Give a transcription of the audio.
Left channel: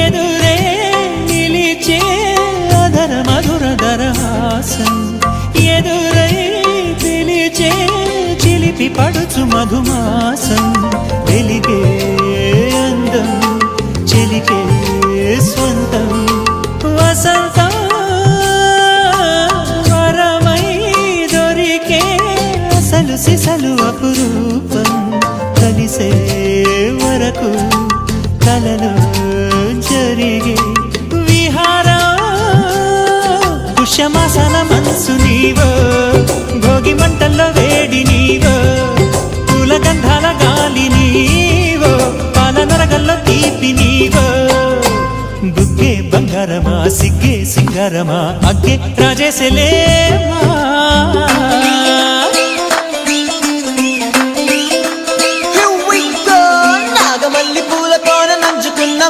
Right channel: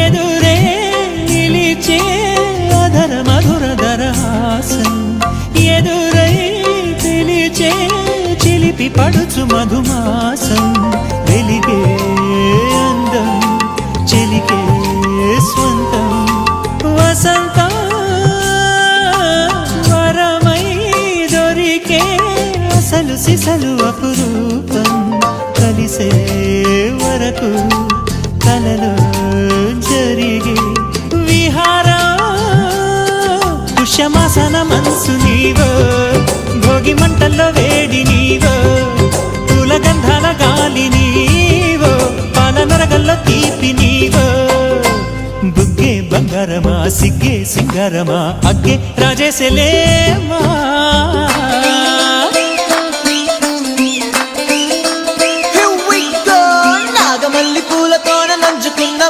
ఎదురే నిలిచే అధర మధుర దరహాసం ఎదురై తెలిచే చిలిపి పడుచు మధుమాసం వెలిగే అందం చెలికే స్వంతం వసంతం వరమై దొరికే అసలు సిసలు అపురూపం కలిసే వరకు కలలో జరిగే విహారం కుశమాసన మనసు నీవో భోగి మంటల్లో వేడి నీవో పూల గంధాల గాలి నీవో పాల నరగల్లో తీపి నీవో బుగ్గే బంగారమా సిగ్గే సింగారమా అగ్గే రాజేసలేమా నాగమల్లి పూలతోన నంచుకున్న